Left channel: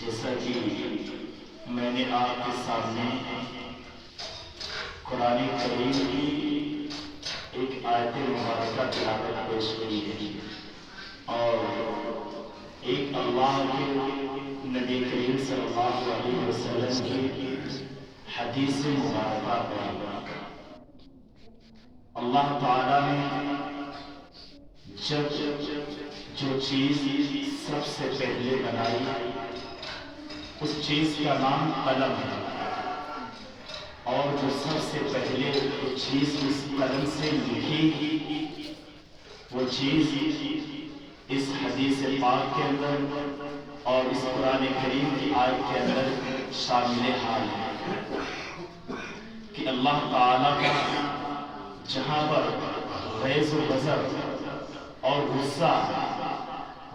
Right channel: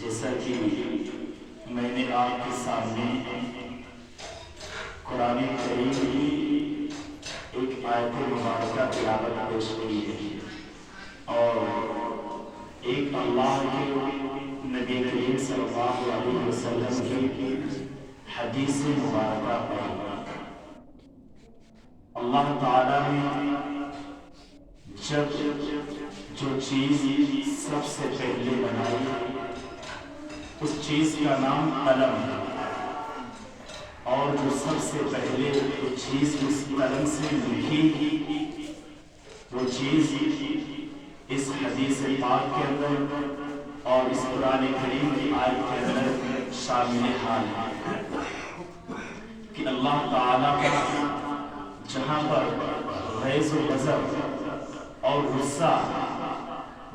جیسا کہ میں نے آپ کے سامنے قرآن کریم کی ایک آیت مبارکہ تلاوت پیش کی ہے اور ایک اللہ کے نبی کریم صلی اللہ علیہ وسلم کی حدیث مبارکہ پڑھی۔ اللہ تعالیٰ نے جب جو چیز سب سے پہلے بنائی اس چیز کا نام قلم ہے، اور جو سب سے پہلے جو چیز اس قلم سے لکھی وہ چیز اس حدیث پاک کے اندر اور اس قرآن کریم کی آیت کے اندر شامل حال ہے کہ اللہ تعالیٰ کا جہاں پر غیظ و غضب اور غصہ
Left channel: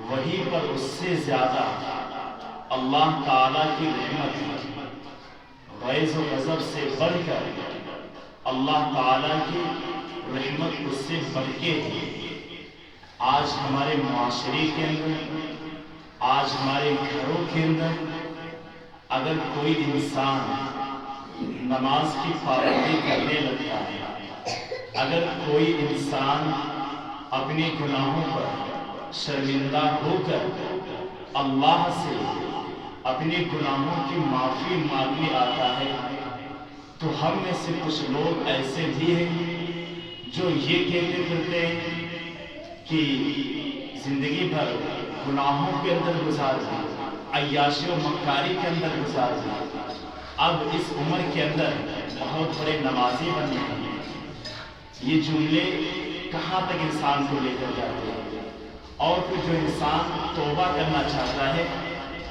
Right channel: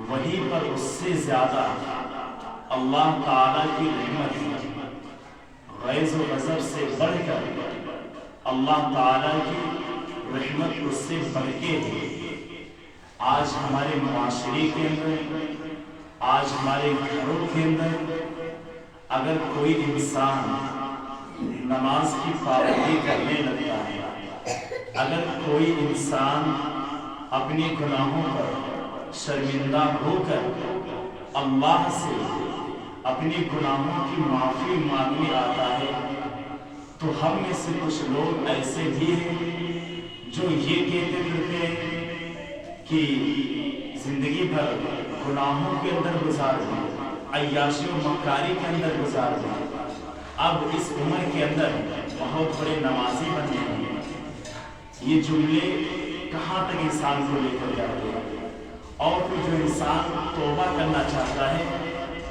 وہیں پر اس سے زیادہ اللہ تعالیٰ کی رحمت ہے۔ غیظ و غضب سے بڑھ کر اللہ تعالیٰ کی رحمت اس سے بڑھ کے ہے۔ آج ہمارے معاشرے کے اندر، آج ہمارے گھروں کے اندر اگر کوئی انسان نماز کی پابندی کرنے لگتا ہے، اگر کوئی انسان اپنے گناہوں پر شرمندہ ہو کر اللہ سے اپنے گناہوں کی معافی مانگنے آتا ہے، تو ہم میں سے کچھ لوگ ایسے بھی ہیں جو یہ کہتے پھرتے ہیں کہ زندگی بھر گناہوں کے اندر گزار دی، عیاشی و مکاری کے اندر گزار دی، اب اس عمر کے اندر بہت بڑے نمازی بن گئے ہیں۔ یہ جملے کہاں تک انسان کو لے کر جاتے ہیں؟ اور پھر جو انسان توبہ کرنا چاہتا ہے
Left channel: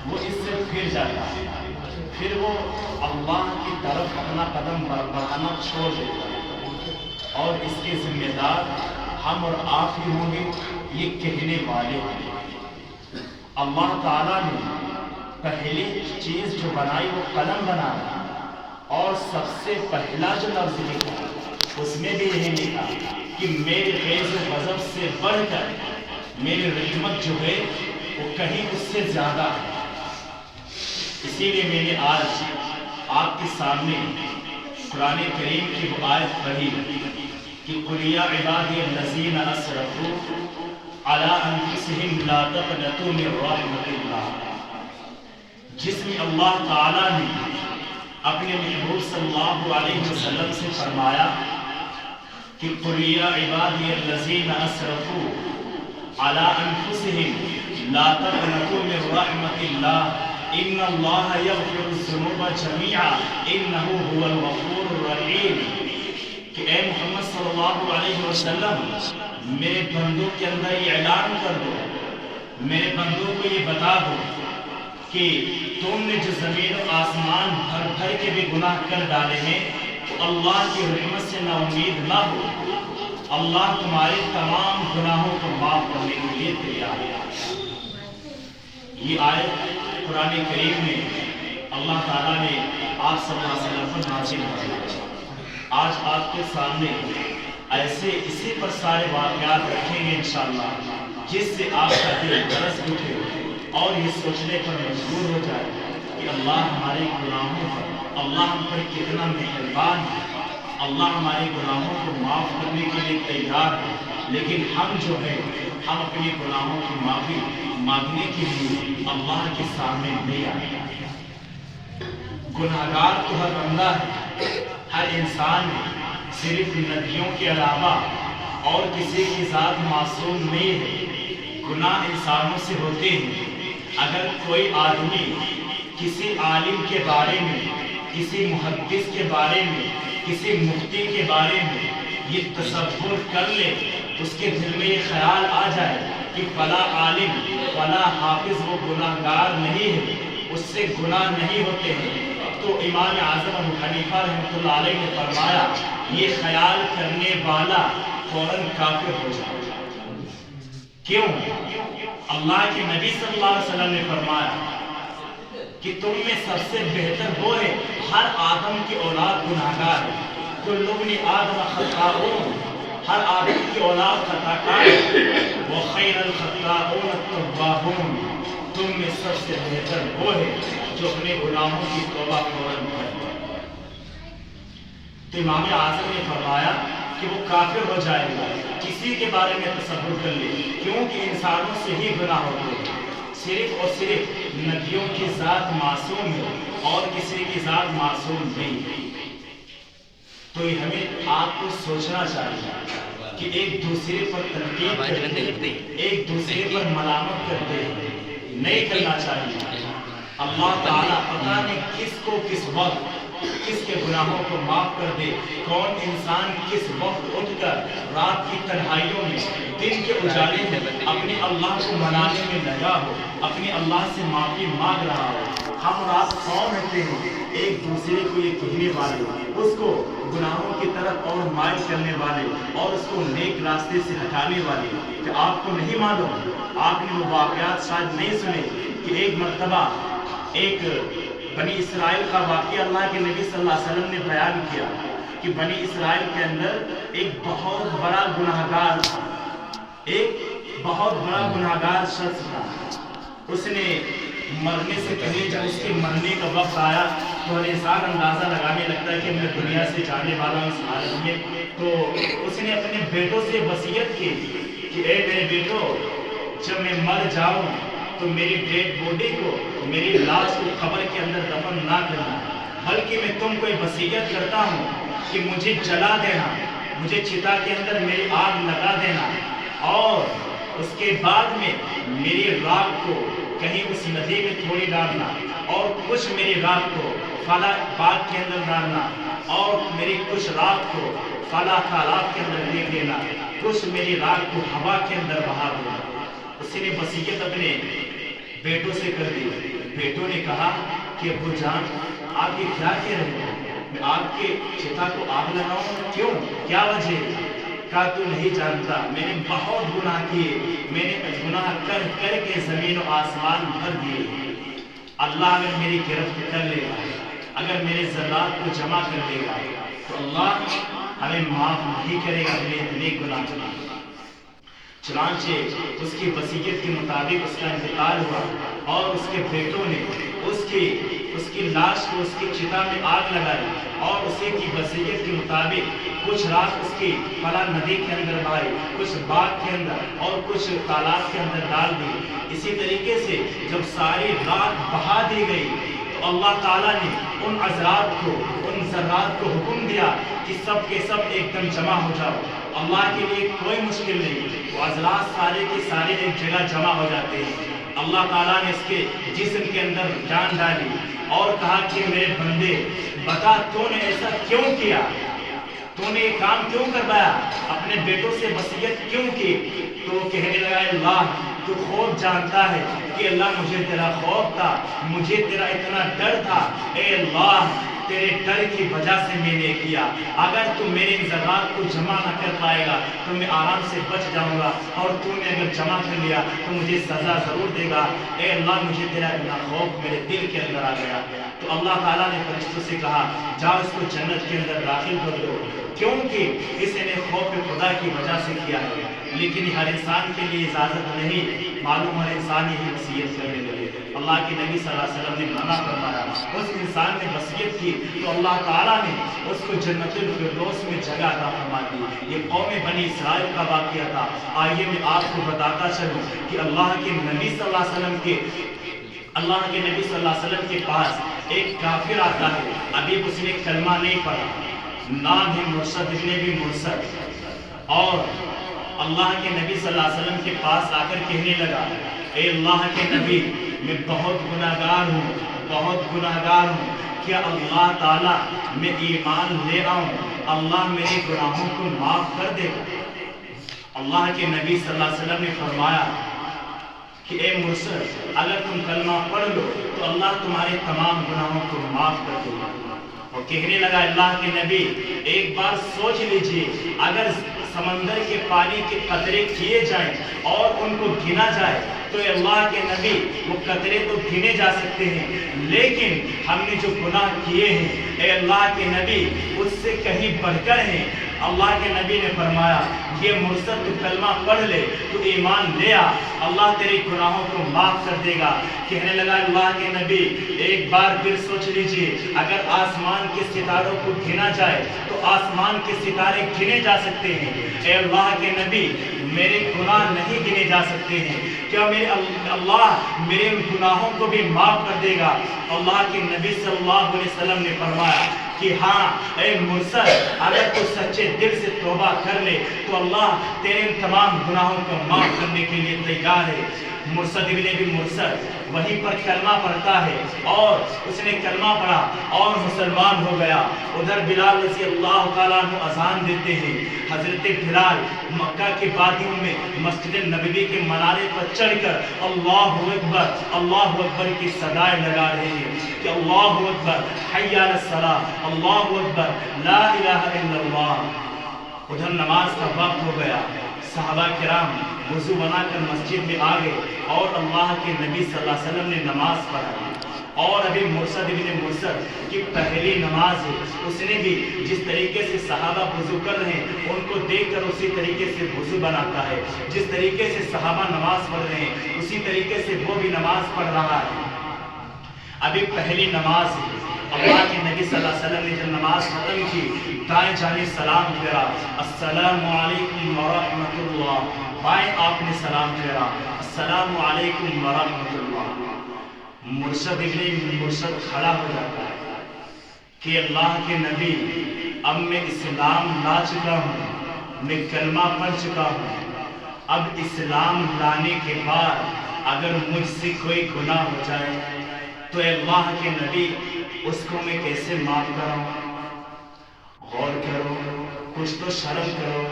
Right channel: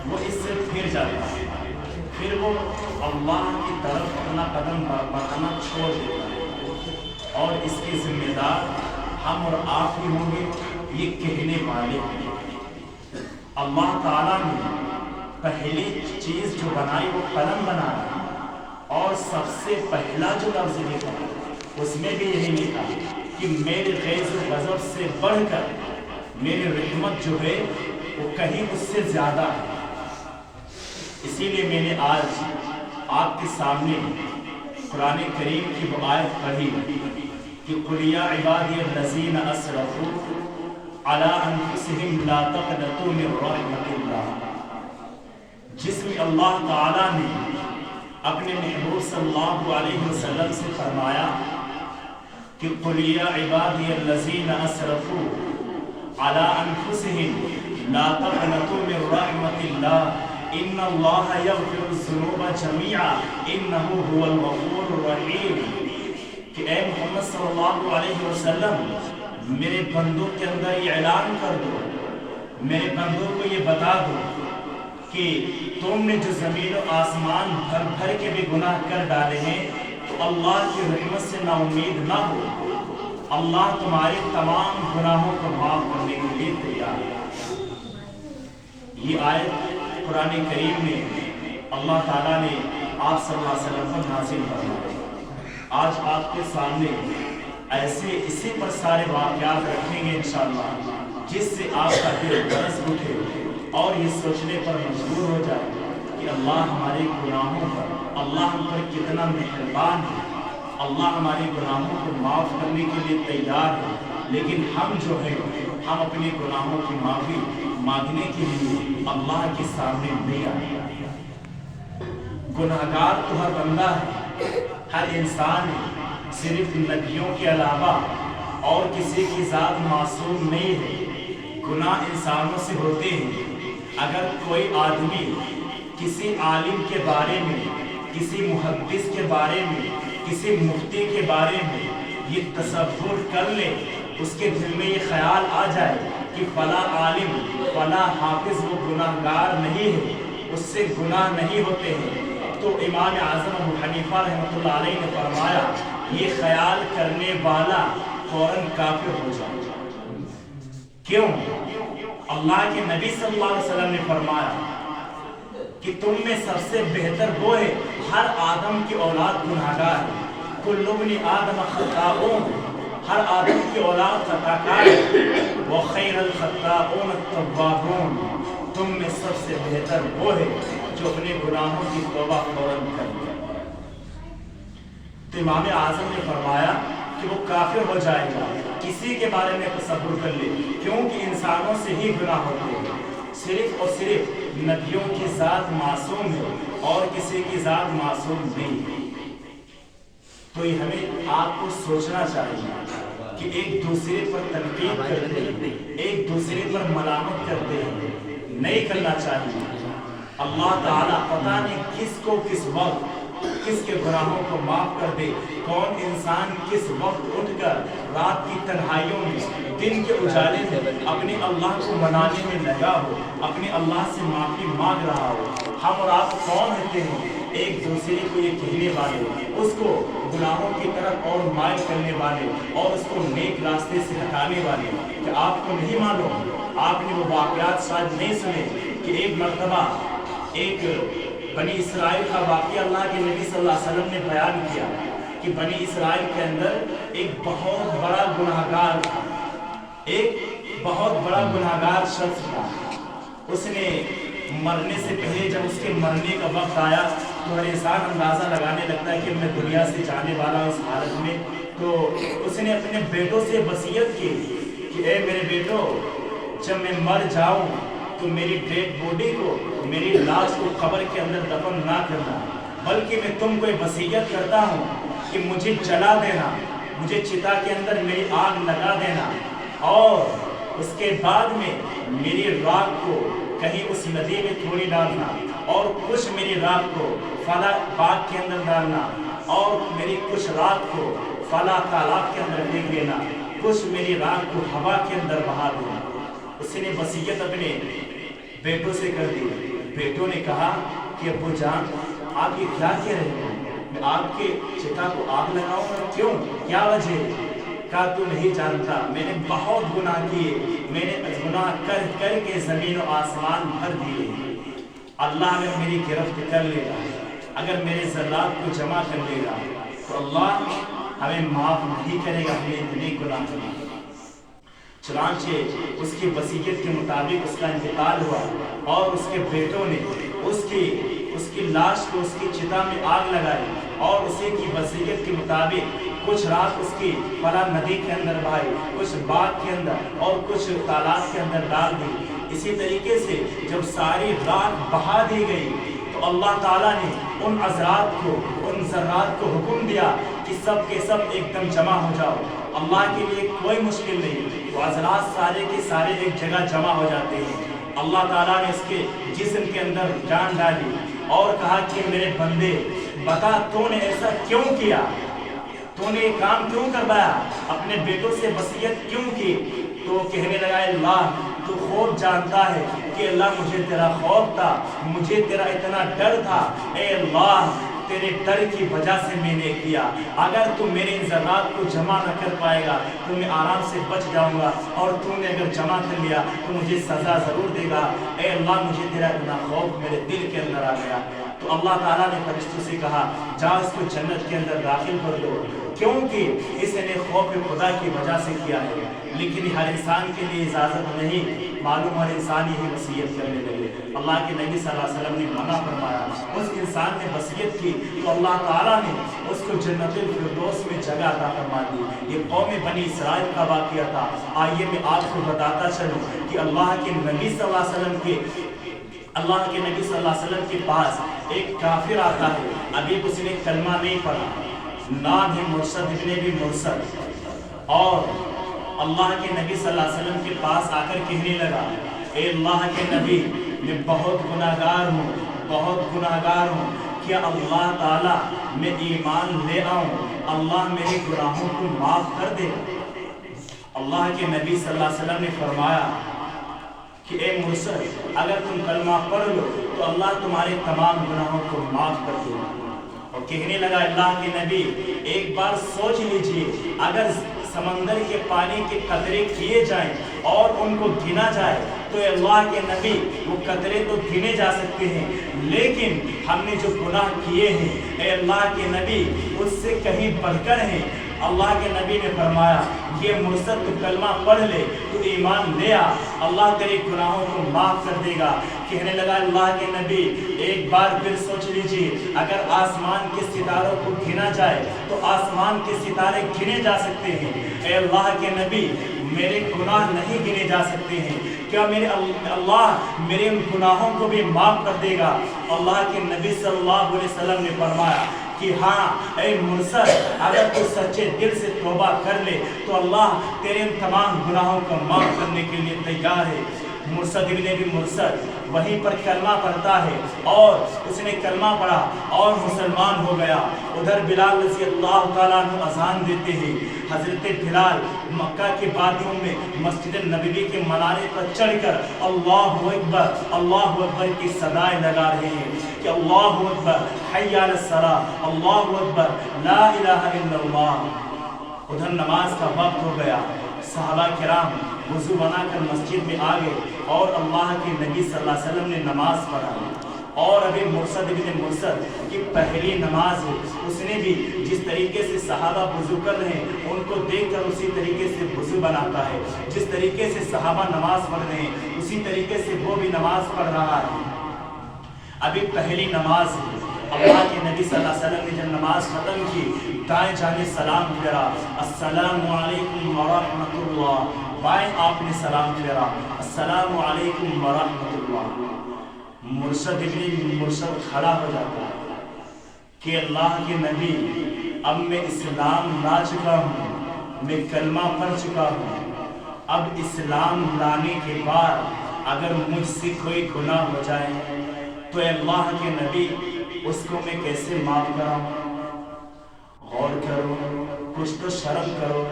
وہ اس سے پھر جاتا ہے، پھر وہ اللہ کی طرف اپنا قدم بڑھانا چھوڑ دیتا ہے، اور اس کے ذمہ دار ہم اور آپ ہی ہوں گے، یہ کہنے والے ہیں۔ اللہ تعالیٰ نے پہلی چیز جو بنائی وہ قلم بنایا، اور سب سے پہلا جو لفظ لکھا اس میں بھی یہی لکھا کہ میرے غیظ و غضب سے بڑھ کر میری رحمت جو ہے وہ کہیں اس سے زیادہ ہے۔ اسی لیے میں نے آج آپ کے سامنے قرآن کریم کی وہ آیت پڑھی کہ قُلْ يَا عِبَادِيَ الَّذِينَ أَسْرَفُوا عَلَىٰ أَنفُسِهِمْ لَا تَقْنَطُوا مِن رَحْمَةِ اللَّهِ، جس میں اللہ تعالیٰ نے اپنے محبوب صلی اللہ علیہ وسلم سے فرمایا کہ قُلْ يَا عِبَادِيَ الَّذِينَ أَسْرَفُوا عَلَىٰ أَنفُسِهِمْ لَا تَقْنَطُوا مِن رَحْمَةِ اللَّهِ ان اللہ یغفر الذنوب جميعا انہ هو الغفور الرحیم، کہ اے محمد صلی اللہ علیہ وسلم میرے بندوں کے اندر یہ اعلان کر دو، میرے بندوں کو یہ بتا دو کہ تم نے جو زمین و آسمان بھر بھر کے بھی گناہ کر ڈالے ہیں تو اللہ کی رحمت سے نا امید نہ ہو، اللہ تمہارے تمام گناہوں کو معاف کرنے کے لیے تیار ہے۔ یہ آیت قرآن کریم میں اللہ تعالیٰ نے آپ صلی اللہ علیہ وسلم پر نازل فرمایا۔ آج آپ کے سامنے ایسے اسی پر سارے واقعات رکھیں گے انشاءاللہ، جس سے آپ کا دل برس اٹھے اور یہ سوچنے پر مجبور ہو جائے کہ اللہ ہمارے گناہوں پر، اللہ ہم پر کتنا مہربان ہے، اللہ ہمارے گناہوں کو معاف کرنے کے لیے تیار ہے، لیکن ہم جو ہے ہم اپنے گناہوں کی معافی مانگنے کے لیے اللہ کے سامنے نہیں آئے۔ گناہگار تو ہر بندہ ہے، ہر انسان ہے، صرف نبیوں کے علاوہ اور کسی کی ذات معصوم نہیں ہے، گناہ انسانوں سے ہوتے ہیں۔ اگر کوئی آدمی کسی عالم کے بارے میں، کسی محدث کے بارے میں، کسی مفتی کے بارے میں یہ تصور کر لے، اس کے دل میں یہ خیال آ جائے کہ فلاں عالم، فلاں حافظ وہ گناہگار نہیں ہے، اس سے گناہ نہیں ہوتے ہیں، تو امام اعظم ابو حنیفہ رحمۃ اللہ علیہ نے فرمایا یہ خیال کرنے والا فوراً کافر ہو جائے۔ کیوں؟ اللہ کے نبی صلی اللہ علیہ وسلم نے فرمایا کہ تم میں سب سے بہتر وہ ہے، ہر آدم کی اولاد گناہگار ہے، کل ابن آدم خطاؤن، ہر آدم کی اولاد خطاکار ہے، وخیر الخطاؤن التوابون، تم میں سب سے بہتر وہ ہے جو اپنے گناہوں کی توبہ فوراً کرے۔ تو امام اعظم نے فرمایا کہ وہ کافر ہو جائے گا کسی کے بارے میں تصور کر لے، کیونکہ انسانوں سے ہی گناہ ہوتے ہیں۔ صرف اور صرف نبیوں کی ذات معصوم ہے اور کسی کی ذات معصوم نہیں ہے۔ تو یہ ہمیں آپ کو سوچنا چاہیے کہ ایک دوسرے پر تنقید کرتے ہیں، ایک دوسرے پر ملامت کرتے ہیں، نہیں کرنا چاہیے۔ اللہ تعالیٰ پتہ نہیں کس کو کس وقت کس کے گناہوں کو معاف کر دے۔ کون انسان کس وقت اٹھ کر رات کی تنہائیوں میں، دن کے اجالے میں اپنے اللہ کو منانے میں لگا ہو، اپنے اللہ سے معافی مانگ رہا ہو۔ ہم اور آپ کون ہوتے ہیں؟ ایک دوسرے کو یہ کہنے والے، اس کو گناہوں کی طرف اور مائل کرنے والے اور اس کو نیک راستے سے ہٹانے والے۔ کہ آپ کو نہیں معلوم، آپ نے وہ واقعات شاید نہیں سنے کہ ایک مرتبہ ایک بنی اسرائیل کا واقعہ اللہ کے نبی صلی اللہ علیہ وسلم نے بیان کیا کہ بنی اسرائیل کے اندر ایک بہت بڑا گناہگار تھا، ایک بہت بڑا گناہگار شخص تھا۔ اس نے مرنے سے پہلے جب اس کے مرنے کا وقت آیا تو ہر انسان اندازہ لگانے لگتا ہے کہ میں دنیا سے جانے والا ہوں اس حالت میں، تو اس نے اپنے بیٹوں سے وصیت کی کہ اے میرے بیٹو، جب میں مر جاؤں تو میری ڈیڈ باڈی کو، میری لاش کو قبر کے اندر دفن نہ کرنا، بلکہ میں تم کو وصیت کرتا ہوں کہ مجھے جلا دینا، مجھے چتا کے اندر میری آگ لگا دینا، اور اس کے بعد میں میری راکھ کو کہیں اس ندی میں تھوڑی ڈالنا، اور کچھ میری راکھ کو فلاں باغ کے اندر ڈالنا، اور میری کچھ راکھ کو فلاں تالاب کے اندر پھینک دینا، کچھ میری راکھ کو ہوا کے اندر بہا دینا۔ اس نے وصیت اپنے بیٹوں سے کر دی۔ بیٹوں نے کہا کہ ابو جان، آپ یہ کیا کہہ رہے ہیں؟ میں آپ کے چتا کو آگ لگاؤں؟ کیوں؟ کیا وجہ؟ کہا تو نہیں جانتا، میں نے بہت گناہ کیے، میں نے گناہ کر کر کے زمین و آسمان بھر دیے۔ اللہ اگر میری گرفت کر لے گا، اگر میرے ذرات کو جمع کر لے گا تو اللہ ہمیں معاف نہیں کرے گا اپنے اتنے گناہ کرنا۔ چنانچہ اس کی وصیت کے مطابق اس کا انتقال ہوا اور اس کے بیٹوں نے اس کی لاش کو اس کی چتا میں آگ لگائی اور اسی کی وصیت کے مطابق کچھ رات اس کی فلاں ندی کے اندر بہائی، کچھ باغ کے اندر اور کچھ تالاب کے اندر ڈال دی۔ اسی طریقے سے جب ساری رات بہا دی گئی تو اللہ تعالیٰ نے ان عذرات کو، ان ذرات کو حکم دیا کہ سب کے سب ایک دم جمع ہو جاؤ۔ اللہ کے لیے کوئی مشکل نہیں، وہ عذرات سارے کے سارے ایک جگہ جمع ہو جاتے ہیں۔ اللہ تعالیٰ نے اس کے جسم کے اندر جان ڈالی اور کہا کہ میرے بندے، بتا تو نے ایسا کیوں کیا؟ تو نے یہ کام کیوں کروایا؟ اپنے بیٹوں سے وصیت کیوں کی؟ تو کہنے لگا اللہ تو خوب جانتا ہے کہ اللہ مجھے تیرا خوف تھا، مجھے تیرا اتنا ڈر تھا، اے اللہ تیرے ڈر کی وجہ سے میں نے کیا۔ اگر تو میرے ذرات کو جمع نہ کر پائے گا تو میں آرام سے بچ جاؤں گا، اور تو نے اگر جمع کر لیا تو مجھے سزا ضرور دے گا۔ اے اللہ مجھے تیرا اتنا خوف میرے دل کے اندر آ گیا۔ تو اللہ تعالیٰ نے فرشتوں سے کہا جا اس کو جنت کے اندر داخل کر دو، کیونکہ اس نے خوف خدا کی وجہ سے کیا ہے۔ لیکن ہر انسان کے لیے اجازت نہیں، معلوم ہر انسان یہی وصیت کرنے لگے۔ اللہ کے نبی صلی اللہ علیہ وسلم نے منع فرمایا، اس انسان نے وصیت کی تو اللہ تعالیٰ نے اس کو جنت الفردوس میں جگہ عطا فرما دی۔ یہ قوم بنی اسرائیل کا واقعہ تھا۔ آئیے میں آپ کو بتاتا چلوں کہ اللہ کے نبی صلی اللہ علیہ وسلم کے پاس ایک کافر آتا ہے، ابھی اس نے کلمہ نہیں پڑھا، نام ہے مرشد ابن ابی مرشد، اور اللہ کے نبی صلی اللہ علیہ وسلم کے پاس آ کر کہنے لگا اے اللہ کے نبی، میں بہت گناہگار ہوں، بہت گناہگار ہوں، کیا اللہ تعالیٰ میں ایمان لے آؤں، اللہ میرے گناہوں کو معاف کر دے؟ اللہ کے نبی صلی اللہ علیہ وسلم نے فرمایا کہ اے مرشد، اگر تم کلمہ پڑھ لو تو اللہ تمہارے تمام گناہوں کو معاف کر دے گا۔ اور کہنے لگا اللہ کے نبی، ایک بار سوچ لیجئے، اگر سمندر کے پانی کے قطرے کیے جائیں اور ان کو گنا جائے تو اے اللہ کے نبی وہ قطرے تو گنے جا سکتے ہیں، لیکن ہم نے جو گناہ کیے ہیں اے اللہ کے نبی اس سے کہیں بڑھ کر ہیں۔ اللہ کے نبی نے فرمایا کہ مرشد تو کلمہ پڑھ لے، تو ایمان لے آ، اللہ تیرے گناہوں کو معاف کر دے گا۔ کہنے لگا اللہ کے نبی ایک بار پھر سوچ لیجئے، اگر آسمان کے ستاروں کو گنا جائے تو آسمان کے ستارے گنے جا سکتے ہیں، اے اللہ کے نبی میرے گناہ نہیں گنے جا سکتے ہیں، کیا میرے اللہ میرے ان گناہوں کو بھی معاف کر دے گا؟ اللہ کے نبی صلی اللہ علیہ وسلم نے فرمایا کہ ہاں اے مرشد، اگر تو سچے دل سے توبہ کر لے تو اللہ تیرے ان تمام گناہوں کو معاف کرنے کے لیے تیار ہے۔ مرشد ابن ابی مرشد وہیں پر کلمہ پڑھتا ہے، اور اس نے کلمہ پڑھا اور مسلمان ہو گیا۔ ادھر بلال رضی اللہ تعالیٰ عنہ اذان دیتے ہیں، حضرت بلال مکہ کے وادیوں میں مسجد نبوی کے منارے پر چڑھ کر اللہ اکبر کی صدائیں لگا رہے ہیں کہ اللہ اکبر حی علی الصلاۃ، اللہ اکبر لا الہ الا اللہ۔ ادھر نماز کا وقت ہو گیا، صحابہ کرام وضو بنا کر مسجد میں آ گئے اور اللہ کے نبی صلی اللہ علیہ وسلم نے نماز پڑھا، اور ابھی مرشد ابن مرشد کی پہلی نماز ہے، اس نے بھی جس طریقے سے صحابہ وضو کر رہے ہیں ان کو دیکھ کر اسی طریقے سے وضو بناتا ہے، جس طریقے سے صحابہ نماز پڑھ رہے ہیں اسی طریقے سے وہ بھی نماز پڑھ رہا ہے۔ ابھی پہلی نماز ہے، اللہ کے نبی صلی اللہ علیہ وسلم نے جب نماز ختم کی دائیں جانب سلام پھیرا، السلام علیکم ورحمۃ اللہ، بائیں آپ نے سلام پھیرا، السلام علیکم ورحمۃ اللہ۔ مرشد ابن مرشد کھڑا ہو جاتا ہے کہ اللہ کے نبی اب میں اسلام لا چکا ہوں، میں کلمہ پڑھ چکا ہوں، اب اسلام لانے کے بعد اگر مجھ سے کوئی گناہ ہو جائے تو اے اللہ کے نبی اس کو میں کیسے معاف کراؤں؟ غور کرو، کچھ تو شرم کرو،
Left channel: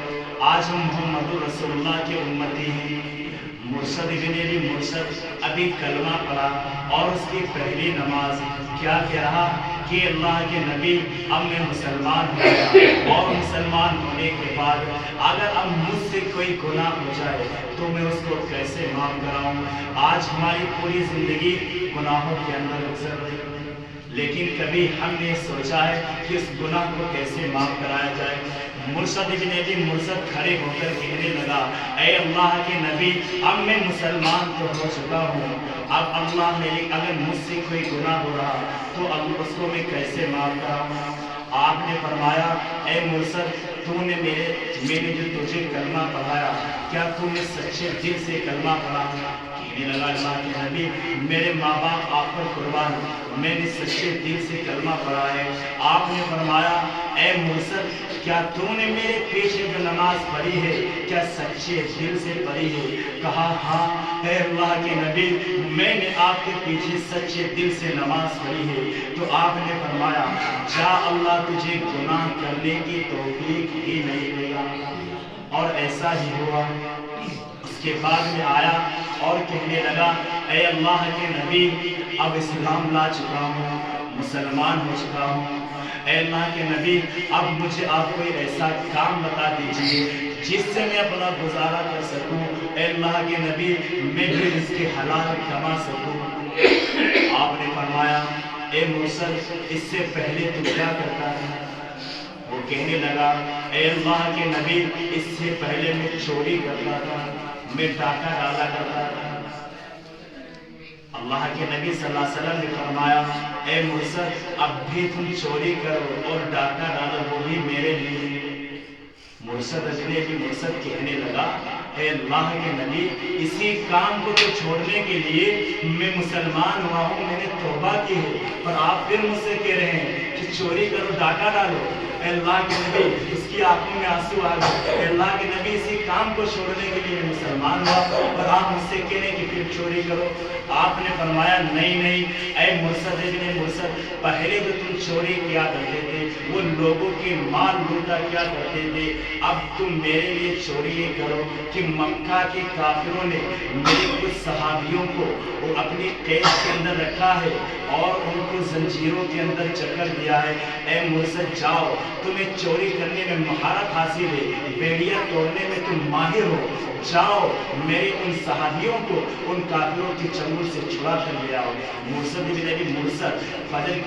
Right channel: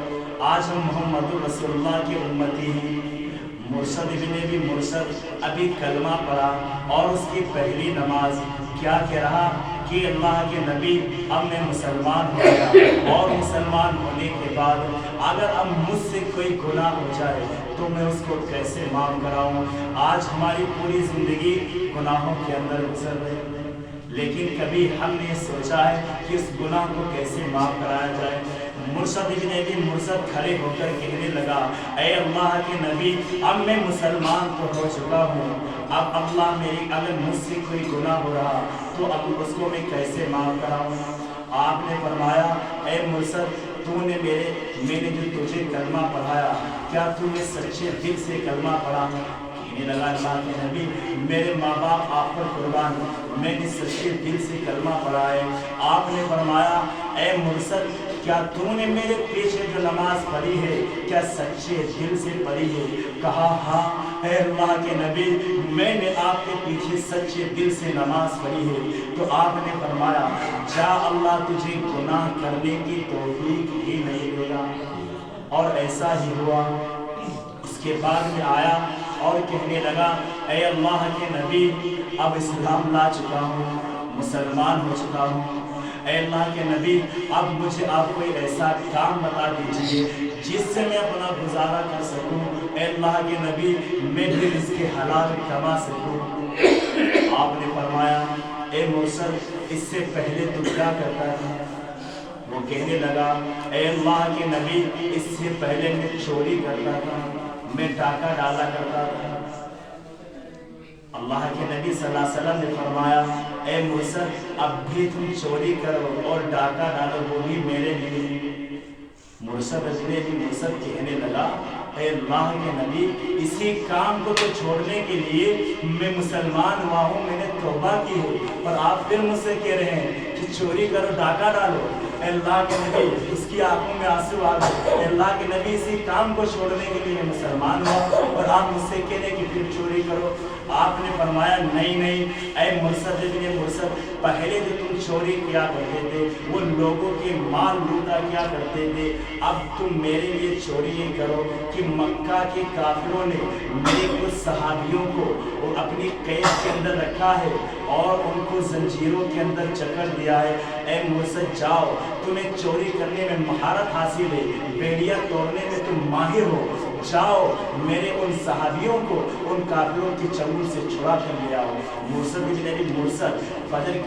آج ہم محمد رسول اللہ کے امتی ہیں۔ مرشد ابن ابی مرشد ابھی کلمہ پڑھا اور اس کی پہلی نماز کیا کہہ رہا کہ اللہ کے نبی اب میں مسلمان ہو گیا، اور مسلمان ہونے کے بعد اگر اب مجھ سے کوئی گناہ ہو جائے تو میں اس کو کیسے معاف کراؤں؟ آج ہماری پوری زندگی گناہوں کے اندر گزر رہی ہے، لیکن کبھی ہم نے سوچا ہے کہ اس گناہ کو کیسے معاف کرایا جائے؟ مرشد ابن ابی مرشد کھڑے ہو کر کہنے لگا اے اللہ کے نبی اب میں مسلمان تو ہو چکا ہوں، اب اللہ میری اگر مجھ سے کوئی گناہ ہو رہا تو اب اس کو میں کیسے معاف کراؤں؟ آپ نے فرمایا اے مرشد میں نے جو تجھے کلمہ پڑھایا کیا تم نے سچے دل سے کلمہ پڑھا؟ کہنے لگا اللہ کے نبی میرے ماں باپ آپ پر قربان، میں نے سچے دل سے کلمہ پڑھا ہے۔ آپ نے فرمایا اے مرشد کیا تو نے میرے پیچھے جو نماز پڑھی ہے کیا سچے دل سے پڑھی ہے؟ کہا ہاں اے اللہ کے نبی میں نے آپ کے پیچھے سچے دل سے نماز پڑھی ہے۔ تو آپ نے فرمایا جا اللہ تجھے گناہ کرنے کی توفیق ہی نہیں دے گا، اور ایسا ہی ہوا۔ اس کے بعد میں آیا اور کہنے لگا اے اللہ کے نبی اب اسلام لا چکا ہوں، مسلمان ہو چکا ہوں، اے اللہ کے نبی اب مجھے آپ کوئی ایسا کام بتا دیجئے جس سے میں اپنا گزارا کر سکوں، اے اللہ کے نبی میں بھی رزق حلال کما سکوں۔ آپ نے فرمایا اے مرشد اس سے پہلے تو کیا کرتا تھا؟ وہ کہنے لگا اے اللہ کے نبی اس سے پہلے میں چوری کرتا تھا، میں ڈاکہ ڈالا کرتا تھا۔ اللہ کے نبی صلی اللہ علیہ وسلم نے فرمایا اے مرشد اب بھی تم چوری کرو اور ڈاکہ ڈالو، وہ بھی میرے لیے۔ مرشد مرشد کہنے لگا اے اللہ کے نبی اسی کام کو تو چھوڑنے کے لیے میں مسلمان ہوا ہوں، میں نے توبہ کی ہے، اور آپ پھر مجھ سے کہہ رہے ہیں کہ چوری کرو ڈاکہ ڈالو۔ اے اللہ کے نبی اس کی آنکھوں میں آنسو آ گئے، اے اللہ کے نبی اسی کام کو چھوڑنے کے لیے میں مسلمان ہوا اور آپ مجھ سے کہہ رہے کہ پھر چوری کرو۔ آپ نے فرمایا نہیں اے مرشد ابن مرشد پہلے جو تم چوری کیا کرتے تھے وہ لوگوں کے مال لوٹا کیا کرتے تھے، اب تم میرے لیے چوری یہ کرو کہ مکہ کے کافروں نے میرے کچھ صحابیوں کو اپنی قید کے اندر رکھا ہے اور ان کو زنجیروں کے اندر جکڑ دیا ہے۔ اے مرشد جاؤ، تمہیں چوری کرنے میں مہارت حاصل ہے، بیڑیاں توڑنے میں تم ماہر ہو، جاؤ میرے ان صحابیوں کو ان کافروں کے چنگل سے چھڑا کر لے آؤ۔ مرسد بن ابی مرسد فجر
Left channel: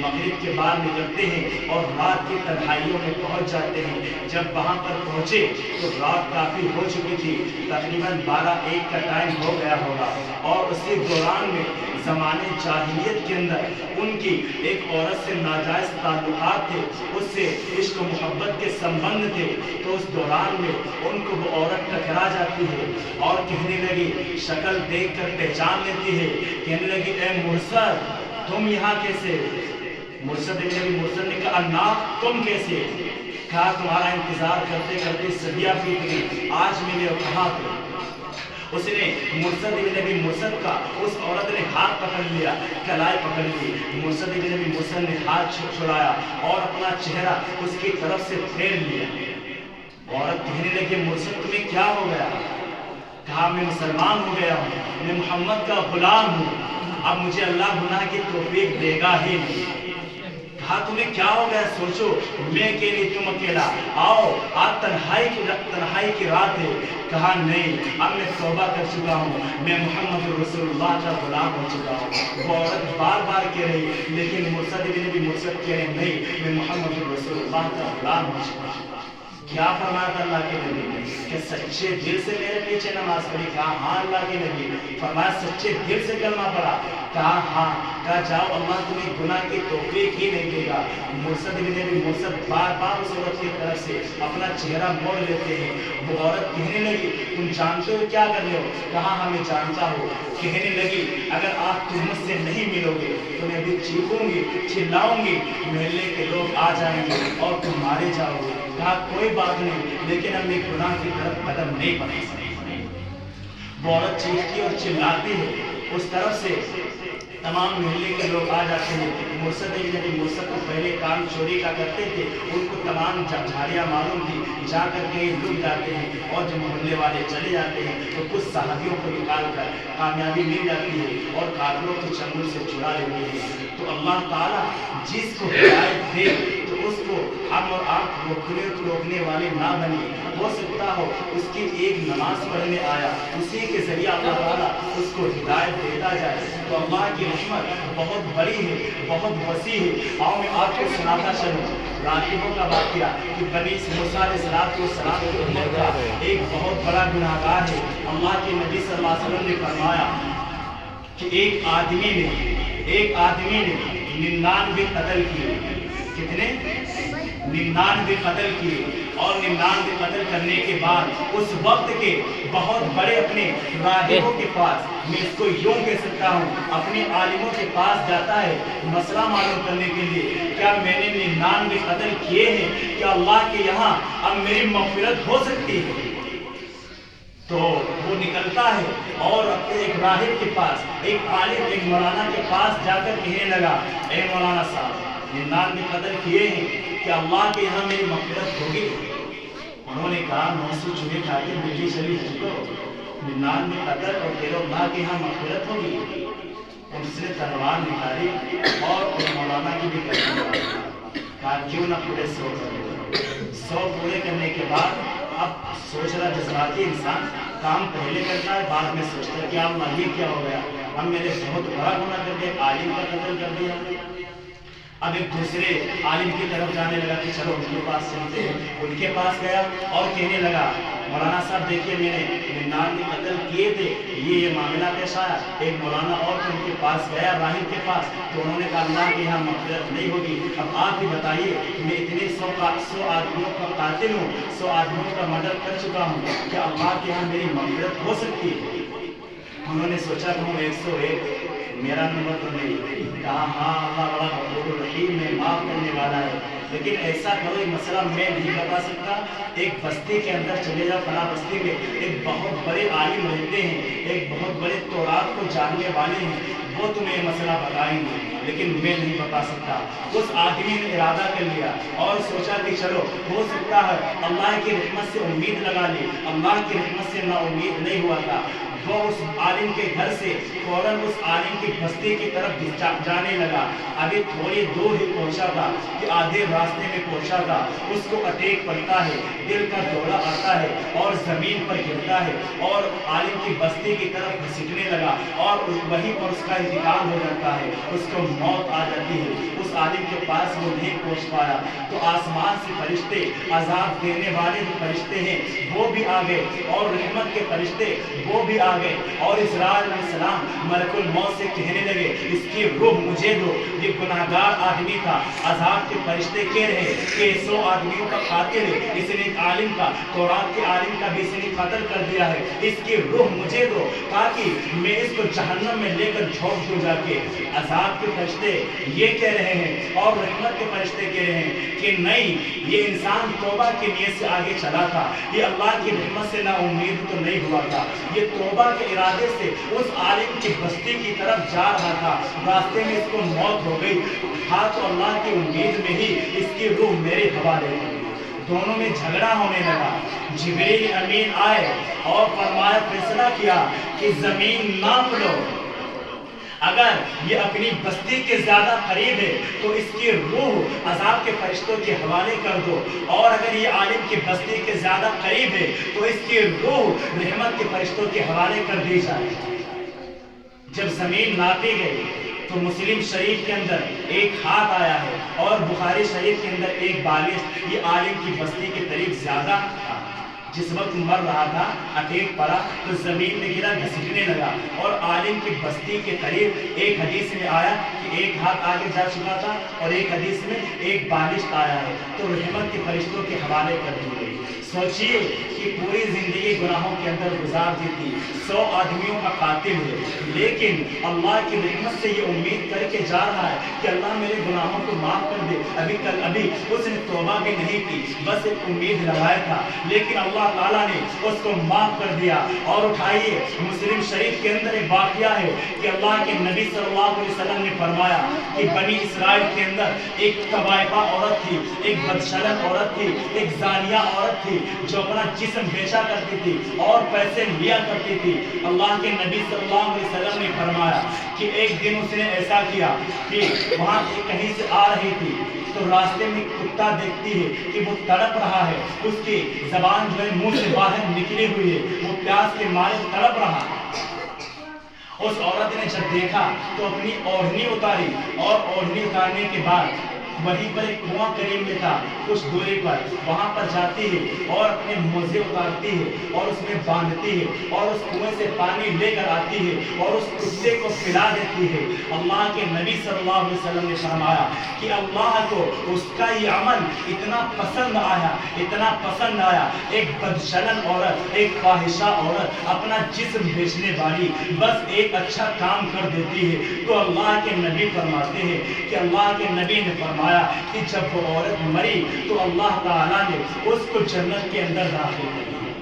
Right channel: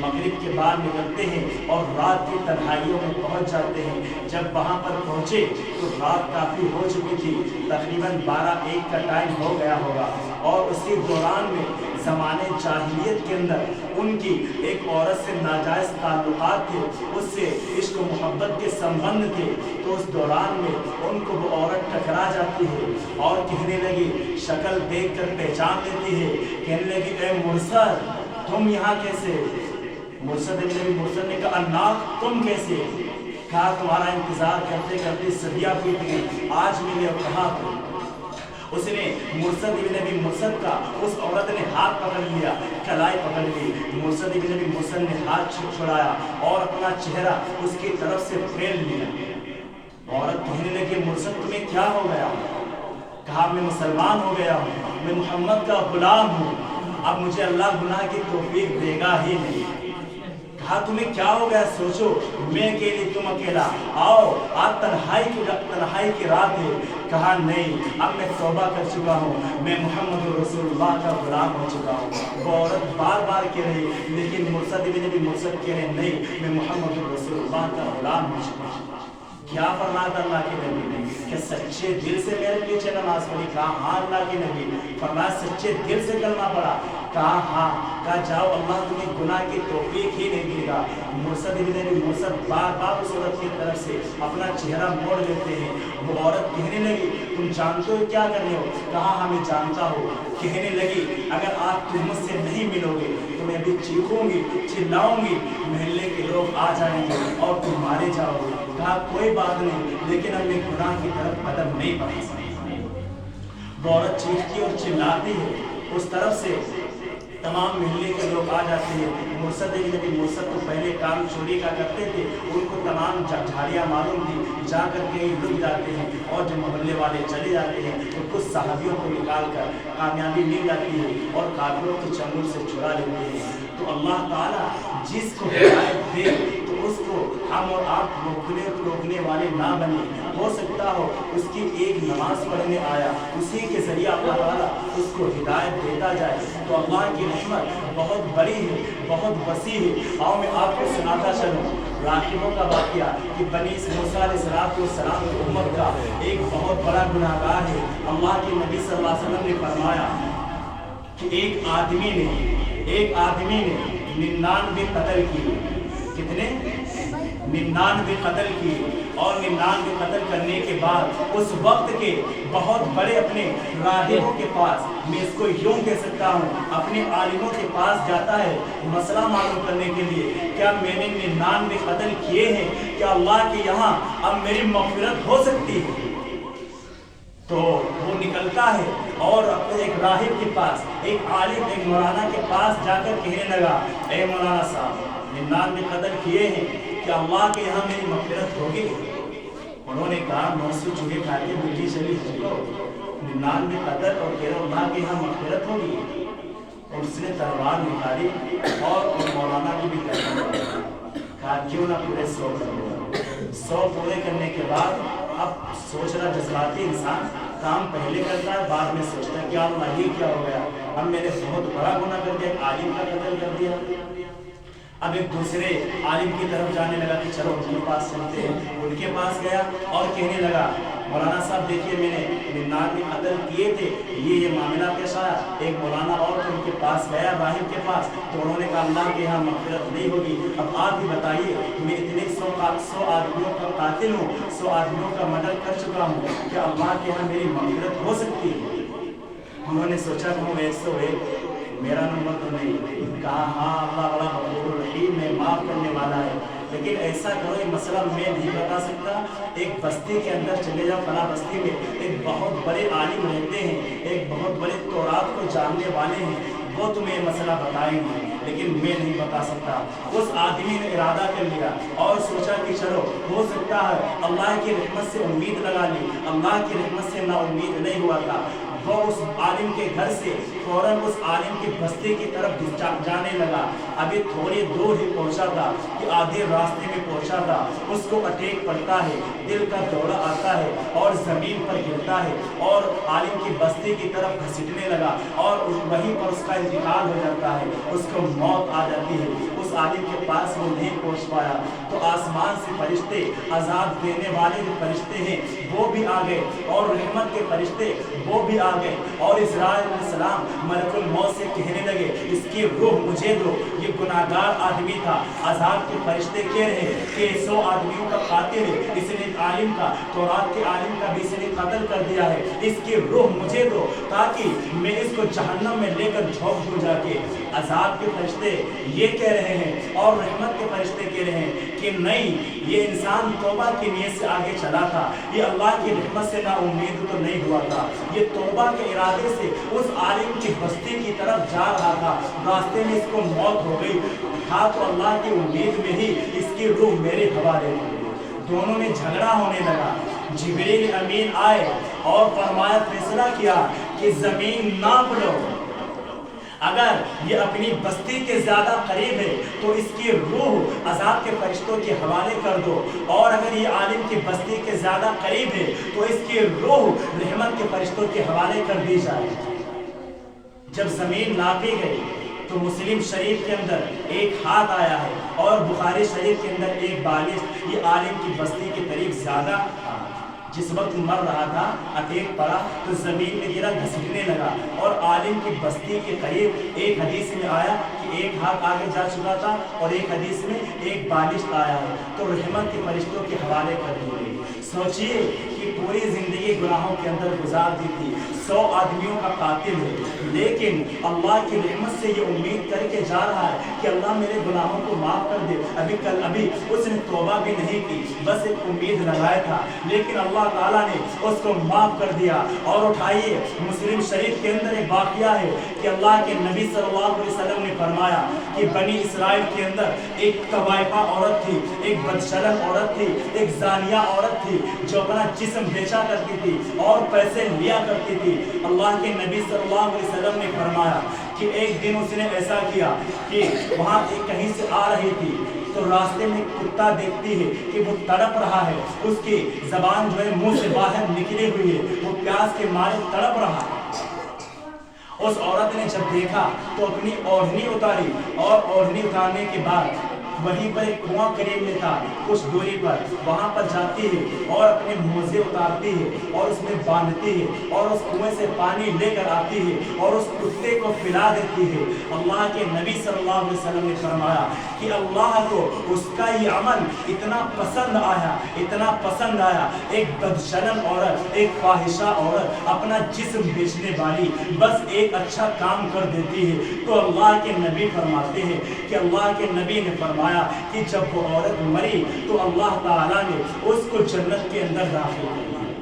مغرب کے بعد نکلتے ہیں اور رات کی تنہائیوں میں پہنچ جاتے ہیں۔ جب وہاں پر پہنچے تو رات کافی ہو چکی تھی، تقریباً 12-1 کا ٹائم ہو گیا ہوگا، اور اسی دوران میں زمانے جاہلیت کے اندر ان کی ایک عورت سے ناجائز تعلقات تھے، اس سے عشق و محبت کے سمبند تھے۔ تو اس دوران میں ان کو وہ عورت ٹکرا جاتی ہے اور کہنے لگی، شکل دیکھ کر پہچان لیتی ہے، کہنے لگی اے مرسد تم یہاں کیسے؟ مرسد ابن ابی مرسد نے کہا الناق تم کیسے؟ کہا تمہارا انتظار کرتے کرتے صدیاں بیت گئی، آج ملے اور کہاں تھے؟ اس نے مرسد ابن ابی مرسد کا اس عورت نے ہاتھ پکڑ لیا، کلائی پکڑ لی۔ مرسد ابن ابی مرسد نے ہاتھ چھڑایا اور اپنا چہرہ اس کی طرف سے پھیر لیا۔ عورت کہنے لگی مرسد تمہیں کیا ہو گیا؟ کہا میں مسلمان ہو گیا ہوں، میں محمد کا غلام ہوں، اب مجھے اللہ گناہ کی توفیق دے گا ہی نہیں۔ کہا تمہیں کیا ہو گیا؟ سوچو میں اکیلی تم اکیلا، آؤ آج تنہائی کی رات ہے۔ کہا نہیں، اب میں توبہ کر چکا ہوں، میں محمد رسول اللہ کا غلام ہو چکا ہوں۔ وہ عورت بار بار کہہ رہی، لیکن مرسد ابن ابی مرسد کہہ رہے نہیں، میں محمد رسول اللہ کا غلام ہو چکا ہوں۔ کیا فرمایا تھا اللہ کے نبی نے کہ سچے دل سے میرے پیچھے نماز پڑھی؟ کہا ہاں اللہ کے نبی۔ فرمایا سچے دل سے کلمہ پڑھا؟ کہا ہاں۔ کہا جاؤ اللہ تمہیں گناہ کی توفیق ہی نہیں دے گا۔ مرسد ابن ابی مرسد بار بار اس عورت کی طرف سے اپنا چہرہ موڑ لیتے ہیں۔ وہ عورت کہنے لگی تم جانتے ہو کیا کر رہے ہو؟ کہا ہاں میں جانتا ہوں۔ کہنے لگی اگر آپ تہمت سے نہیں ملو گے تو میں بھی چیخوں گی، چلاؤں گی، محلے کے لوگ آ جائیں گے اور تم مارے جاؤ گے۔ کہا کوئی بات نہیں، لیکن ہم ایک گناہ کی طرف قدم نہیں بڑھا سکتے۔ وہ عورت چیختی اور چلاتی ہے، اس طرف سے تمام محلے کے لوگ آ جاتے ہیں۔ مرسد ابن ابی مرسد کو پہلے کام چوری کا کرتے تھے، ان کو تمام جھاڑیاں معلوم تھی، جا کر کہیں لک جاتے ہیں، اور جب محلے والے چلے جاتے ہیں تو کچھ صحابیوں کو نکال کر کامیابی مل جاتی ہے اور کافروں کے چنگل سے چھڑا لیتے ہیں۔ تو اللہ تعالیٰ جس کو ہدایت دے تو اس کو ہم اور آپ روکنے والے نہ بنے۔ ہو سکتا ہو اس کی ایک نماز پڑھنے آیا، اسی کے ذریعہ اللہ تعالیٰ اس کو ہدایت دیتا جائے، تو اللہ کی رحمت بہت بڑی ہے، بہت وسیع ہے۔ اور میں آپ کو سناتا چلوں راہبوں کا واقعہ کہ بنی موسیٰ علیہ السلام کی امت کا ایک بہت بڑا گناہ گار ہے۔ اللہ کے نبی صلی اللہ علیہ وسلم نے فرمایا کہ ایک آدمی نے 99 قتل کیے۔ کتنے؟ 99 قتل کیے، اور 99 قتل کرنے کے بعد اس وقت کے بہت بڑے اپنے راہبوں کے پاس، میں اس کو یوں کہہ سکتا ہوں اپنے عالموں کے پاس جاتا ہے مسئلہ معلوم کرنے کے لیے، کیا میں نے 99 قتل کیے ہیں، کیا اللہ کے یہاں اب میری مغفرت ہو سکتی ہے؟ تو وہ نکلتا ہے اور اپنے ایک راہب کے پاس، ایک عالم، ایک مولانا کے پاس جا کر کہنے لگا اے مولانا صاحب 99 قتل کیے ہیں، کیا اللہ کے یہاں میری مغفرت ہوگی؟ انہوں نے کہا 900 چوہے کھا کے مٹی چلی ہم کو، 99 قتل اور کہہ رہے اللہ کے یہاں مغفرت ہوگی؟ اور اس نے تلوار نکالی اور مولانا کی بھی کہا کیوں نہ پورے 100 کر لو۔ 100 پورے کرنے کے بعد اب سوچ رہا جذباتی انسان کام پہلے کرتا ہے، بعد میں سوچتا ہے کہ اللہ یہ کیا ہو گیا، اب میں نے بہت بڑا گناہ کر دیا، عالم کا قتل کر دیا۔ اب ایک دوسرے عالم کی طرف جانے لگا کہ چلو ان کے پاس چلتے ہیں۔ ان کے پاس گیا اور کہنے لگا مولانا صاحب دیکھیے میں نے 99 قتل کیے تھے، یہ معاملہ پیش آیا۔ ایک مولانا اور ان کے پاس گیا راہب کے پاس، تو انہوں نے کہا اللہ کے یہاں مغفرت نہیں ہوگی، اب آپ بھی بتائیے میں اتنے 100 آدمیوں کا قاتل ہوں، 100 آدمیوں کا مردر کر چکا ہوں، کیا اللہ کے یہاں میری مغفرت ہو سکتی ہے؟ انہوں نے سوچا کہ ہوں 101 میرا نمبر تو نہیں۔ کہا ہاں اللہ بڑا غفور رحیم ہے، معاف کرنے والا ہے، لیکن ایسا کرو یہ مسئلہ میں نہیں بتا سکتا، ایک بستی کے اندر چلے جاؤ، فلاں بستی میں ایک بہت بڑے عالم رہتے ہیں، ایک بہت بڑے تورات کو جاننے والے ہیں، وہ تمہیں یہ مسئلہ بتائیں گے، لیکن میں نہیں بتا سکتا۔ اس آدمی نے ارادہ کر لیا اور سوچا کہ چلو ہو سکتا ہے اللہ کی رحمت سے امید لگا لی، اللہ کی رحمت سے نا امید نہیں ہوا تھا۔ وہ اس عالم کے گھر سے فوراً اس عالم کی بستی کی طرف جانے لگا. ابھی تھوڑی دور ہی پہنچا تھا کہ آدھے راستے میں پہنچا تھا. اس کو اٹیک پڑتا ہے, دل کا دورہ آتا ہے اور زمین پر گرتا ہے اور عالم کی بستی کی طرف گھسیٹنے لگا اور وہیں پر اس کا انتقال ہو جاتا ہے. اس کو موت آ جاتی ہے. اس عالم کے پاس وہ نہیں پہنچ پایا تو آسمان سے فرشتے, عذاب دینے والے جو فرشتے ہیں وہ بھی آ گئے اور رحمت کے فرشتے وہ بھی آ گئے اور اسرائیل علیہ السلام ملک الموت سے کہنے لگے اس کی روح مجھے دو. یہ گناہگار آدمی تھا. عذاب کے فرشتے کہہ رہے کہ 100 آدمیوں کا قاتل ہے, اس نے ایک عالم کا, تورات کے عالم کا بھی اس نے قتل کر دیا ہے. اس کی روح مجھے دو تاکہ میں اس کو جہنم میں لے کر جھونک دوں جا کے. عذاب کے فرشتے یہ کہہ رہے ہیں اور رحمت کے فرشتے کہہ رہے ہیں کہ نہیں, یہ انسان توبہ کی نیت سے آگے چلا تھا, یہ اللہ کی رحمت سے نا امید تو نہیں ہوا تھا, یہ توبہ کے ارادے سے اس عالم کی بستی کی طرف جا رہا تھا. راستے میں اس کو موت ہو گئی تھا تو اللہ کی امید میں ہی اس کی روح میرے حوالے ہو گئی. دونوں میں جھگڑا ہونے لگا. جبریل امین آئے اور فرمایا, فیصلہ کیا کہ زمین ناپ لو, اگر یہ اپنی بستی کے زیادہ قریب ہے تو اس کی روح عذاب کے فرشتوں کے حوالے کر دو, اور اگر یہ عالم کی بستی کے زیادہ قریب ہے تو اس کی روح رحمت کے فرشتوں کے حوالے کر دی جائے. جب زمین ناپی گئی تو مسلم شریف کے اندر ایک ہاتھ آیا ہے اور بخاری شریف کے اندر ایک بالغ یہ عالم کی بستی کے قریب زیادہ تھا. جس وقت مر رہا تھا اٹیک پڑا تو زمین میں گرا, گھسیٹنے لگا اور عالم کی بستی کے قریب. ایک حدیث میں آیا کہ ایک ہاتھ آگے جا چکا تھا اور ایک حدیث میں ایک بالغ آیا ہے تو رحمت کے فرشتوں کے حوالے کر دی گئی. سوچئے کہ پوری زندگی گناہوں کے اندر گزار دی تھی, 100 آدمیوں کا قاتل ہے, لیکن اللہ کی رحمت سے یہ امید کر کے جا رہا ہے کہ اللہ میرے گناہوں کو معاف کر دے. ابھی اس نے توبہ بھی نہیں کی, بس ایک امید لگایا تھا, لیکن اللہ تعالیٰ نے اس کو معاف کر دیا. اور اٹھائیے, مسلم شریف کے اندر ایک واقعہ ہے کہ اللہ کے نبی صلی اللہ علیہ وسلم نے فرمایا کہ بنی اسرائیل کے اندر ایک طوائفہ عورت تھی, ایک بدشلن عورت تھی, ایک زانیہ عورت تھی جو اپنا جسم بیچا کرتی تھی اور پیسے لیا کرتی تھی. اللہ کے نبی صلی اللہ علیہ وسلم نے فرمایا کہ ایک دن اس نے ایسا کیا کہ وہاں کہیں سے آ رہی تھی تو راستے میں کتا دیکھتی ہے کہ وہ تڑپ رہا ہے, اس کی زبان جو ہے منہ سے باہر نکلی ہوئی ہے, وہ پیاس کے مارے تڑپ رہا ہے. اس عورت نے جب دیکھا تو اپنی اوڑھنی اتاری اور اوڑھنی اتارنے کے بعد وہیں پر ایک کنواں قریب میں تھا کچھ دوری پر, وہاں پر جاتی ہے اور اپنے موزے اتارتی ہے اور اس میں باندھتی ہے اور اس کنویں سے پانی لے کر آتی ہے اور اس کتے کو پلا دیتی ہے. اللہ کے نبی صلی اللہ علیہ وسلم نے فرمایا کہ اللہ کو اس کا یہ عمل اتنا پسند آیا, اتنا پسند آیا. ایک بدشلن عورت, ایک فاحشہ عورت, اپنا جسم بیچنے والی بس ایک اچھا کام کر دیتی ہے تو اللہ کے نبی فرماتے ہیں کہ اللہ کے نبی نے فرمایا کہ جب وہ عورت مری تو اللہ تعالیٰ نے اس کو جنت کے اندر داخل کر دیا.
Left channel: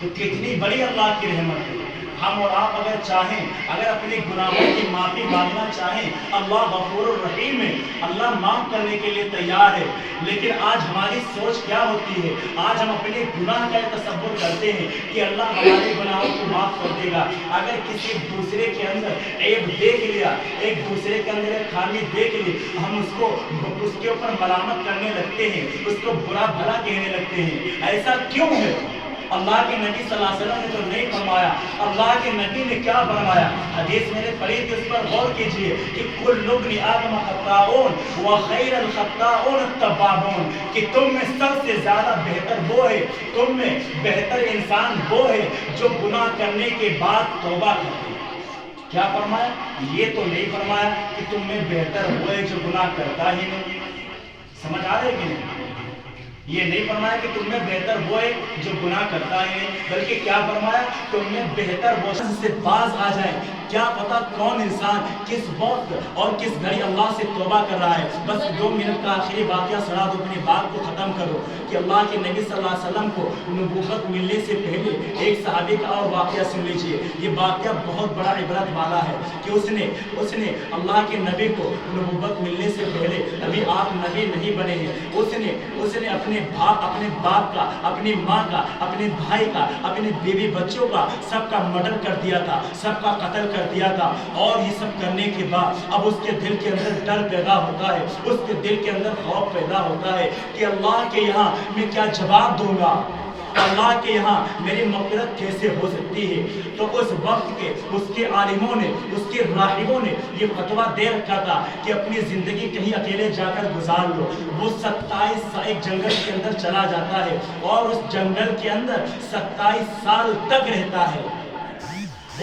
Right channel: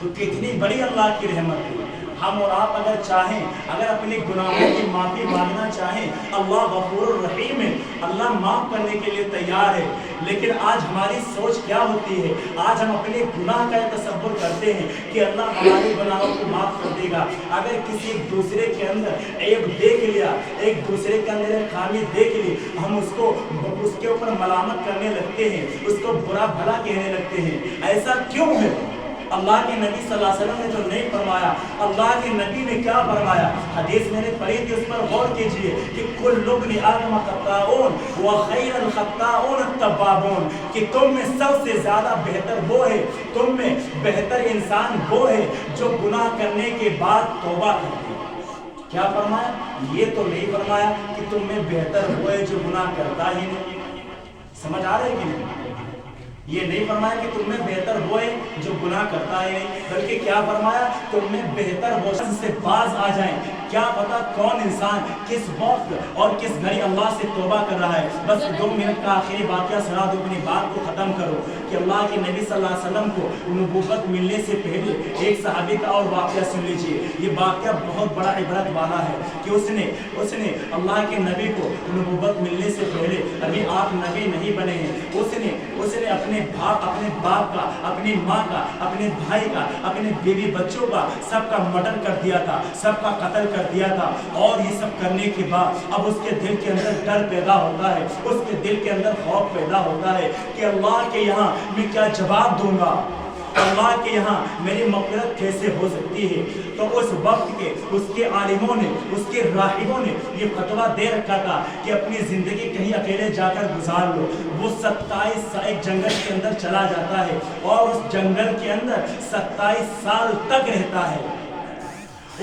تو کتنی بڑی اللہ کی رحمت ہے. ہم اور آپ اگر چاہیں, اگر اپنے گناہوں کی معافی مانگنا چاہیں, اللہ غفور الرحیم ہے, اللہ معاف کرنے کے لیے تیار ہے. لیکن آج ہماری سوچ کیا ہوتی ہے, آج ہم اپنے گناہ کا تصور کرتے ہیں کہ اللہ ہمارے گناہوں کو معاف کر دے گا. اگر کسی دوسرے کے اندر عیب دیکھ لیا, ایک دوسرے کے اندر ایک خامی دیکھ لی, ہم اس کے اوپر ملامت کرنے لگتے ہیں, اس کو برا بھلا کہنے لگتے ہیں. ایسا کیوں ہے؟ اللہ کے نبی صلی اللہ علیہ وسلم نے تو نہیں فرمایا. اللہ کے نبی نے کیا فرمایا؟ حدیث میں نے پڑھی تھی, اس پر غور کیجئے کہ کل ابن آدم خطاؤن وخیر الخطاؤن التوابون, کہ تم میں سب سے زیادہ بہتر وہ ہے, تم میں بہتر انسان وہ ہے جو گناہ کرنے کے بعد توبہ کرتے ہیں. کیا فرمایا؟ یہ تو نہیں فرمایا کہ تم میں بہتر وہ ہے جو گناہ کرتا ہی نہیں. سمجھ آ رہے کہ نہیں؟ یہ نہیں فرمایا کہ تم میں بہتر وہ ہے جو گناہ کرتا ہے, بلکہ کیا فرمایا, تم میں بہتر وہ سے باز آ جائیں. کیا پتا کون انسان کس وقت اور کس گھڑی اللہ سے توبہ کر رہا ہے. بس 2 منٹ کا آخری واقعہ سنا دو, اپنی بات کو ختم کرو. کہ اللہ کے نبی صلی اللہ علیہ وسلم کو نبوت ملنے سے پہلے ایک صحابی کا اور واقعہ سن لیجیے. یہ واقعہ بہت بڑا عبرت والا ہے کہ اس نے اللہ کے نبی کو نبوت ملنے سے پہلے, ابھی آپ نبی نہیں بنے ہیں, اس نے اپنے باپ کا, اپنی ماں کا, اپنے بھائی کا, اپنے بیوی بچوں کا, سب کا مرڈر کر دیا تھا, سب کا قتل کر کر دیا تھا، اور یہ سب کرنے کے بعد اب اس کے دل کے اندر ڈر پیدا ہوتا ہے، اس کے دل کے اندر خوف پیدا ہوتا ہے کہ اللہ کے یہاں میں کیا جواب دوں گا، اللہ کے یہاں میری مغفرت کیسے ہو سکتی ہے۔ تو اس وقت کے اس کے عالموں نے، اس کے راہبوں نے یہ فتویٰ دے رکھا تھا کہ اپنی زندگی کہیں اکیلے جا کر گزار لو۔ وہ 27 سال ایک جنگل کے اندر چلا جاتا ہے اور اس جنگل کے اندر 27 سال تک رہتا ہے،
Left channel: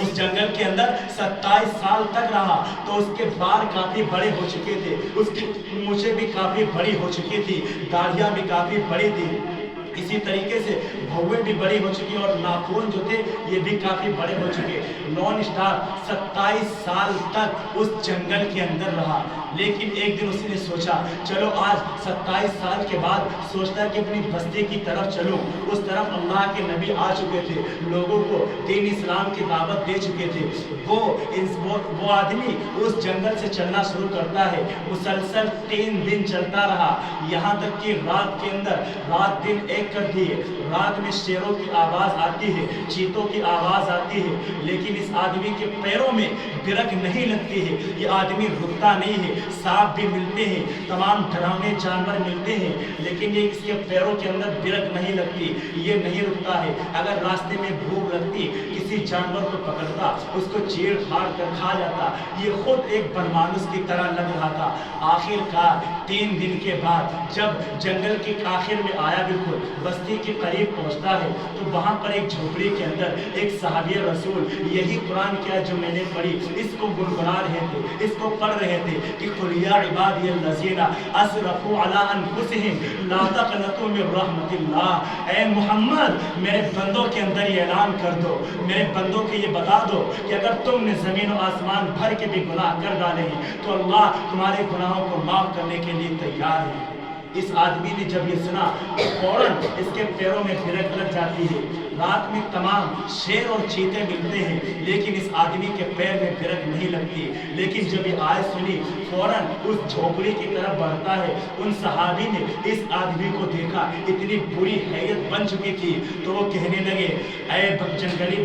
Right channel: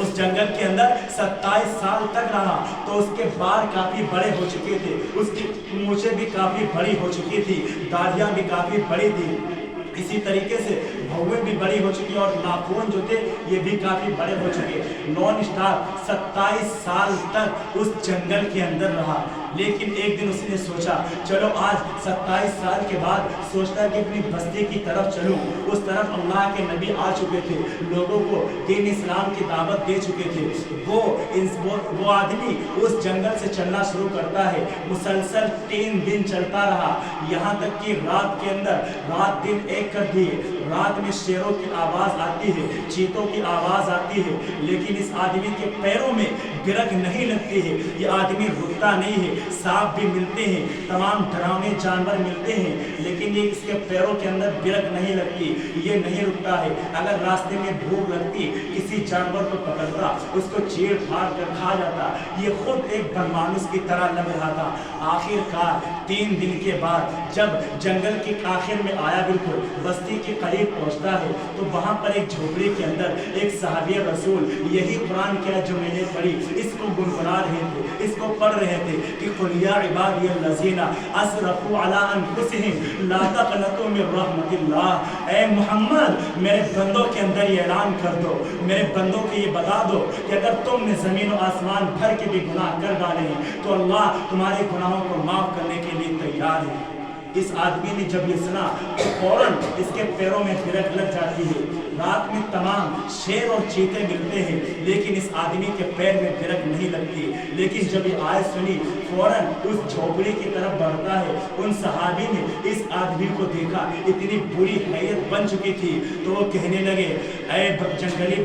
اس جنگل کے اندر 27 سال تک رہا۔ تو اس کے بال کافی بڑے ہو چکے تھے، اس کی مونچھیں بھی کافی بڑی ہو چکی تھی، داڑھیاں بھی کافی بڑی تھی، اسی طریقے سے بھویں بھی بڑی ہو چکی اور ناخن جو تھے یہ بھی کافی بڑے ہو چکے۔ نان اسٹاپ 27 سال تک اس جنگل کے اندر رہا، لیکن ایک دن اس نے سوچا چلو آج 27 سال کے بعد سوچتا کہ اپنی بستی کی طرف چلوں۔ اس طرف اللہ کے نبی آ چکے تھے، لوگوں کو دین اسلام کی دعوت دے چکے تھے۔ وہ آدمی اس جنگل سے چلنا شروع کرتا ہے، مسلسل 3 دن چلتا رہا، یہاں تک کہ رات کے اندر رات دن ایک کر دیے۔ رات میں شیروں کی آواز آتی ہے، چیتوں کی آواز آتی ہے، لیکن اس آدمی کے پیروں میں برک نہیں لگتی ہے، یہ آدمی رکتا نہیں ہے۔ سانپ بھی ملتے ہیں، تمام ڈراؤنے جانور ملتے ہیں، لیکن یہ اس کے پیروں کے اندر برک نہیں لگتی، یہ نہیں رکتا ہے۔ اگر راستے میں بھوک لگتی کسی جانور کو پکڑتا، اس کو چیڑ پھاڑ کر کھا جاتا، یہ خود ایک برمانوس کی طرح لگ رہا تھا۔ آخر کار 3 دن کے بعد جب جنگل کے آخر میں آیا، بالکل بستی کے قریب پہنچتا ہے، تو وہاں پر ایک جھوپڑی کے اندر ایک صحابی رسول یہی قرآن کیا جو میں نے پڑھی اس کو گنگنا رہے تھے، اس کو پڑھ رہے تھے کہ قل یا عبادی الذین اسرفوا علی انفسہم لا تقنطوا من رحمت اللہ۔ اے محمد میرے بندوں کے اندر یہ اعلان کر دو، میرے بندوں کو یہ بتا دو کہ اگر تم نے زمین و آسمان بھر کے بھی گناہ کر ڈالے ہیں تو اللہ تمہارے گناہوں کو معاف کرنے کے لیے تیار ہے۔ اس آدمی نے جب یہ سنا تو فوراً اس کے پیروں میں برک لگ جاتی ہے۔ رات میں تمام شیر اور چیتے ملتے ہیں، لیکن اس آدمی کے پیر میں برک نہیں لگتی، لیکن جب یہ آیت سنی فوراً اس جھوپڑی کی طرف بڑھتا ہے۔ ان صحابی نے اس آدمی کو دیکھا، اتنی بری حیت بن چکی تھی، تو وہ کہنے لگے اے جنگلی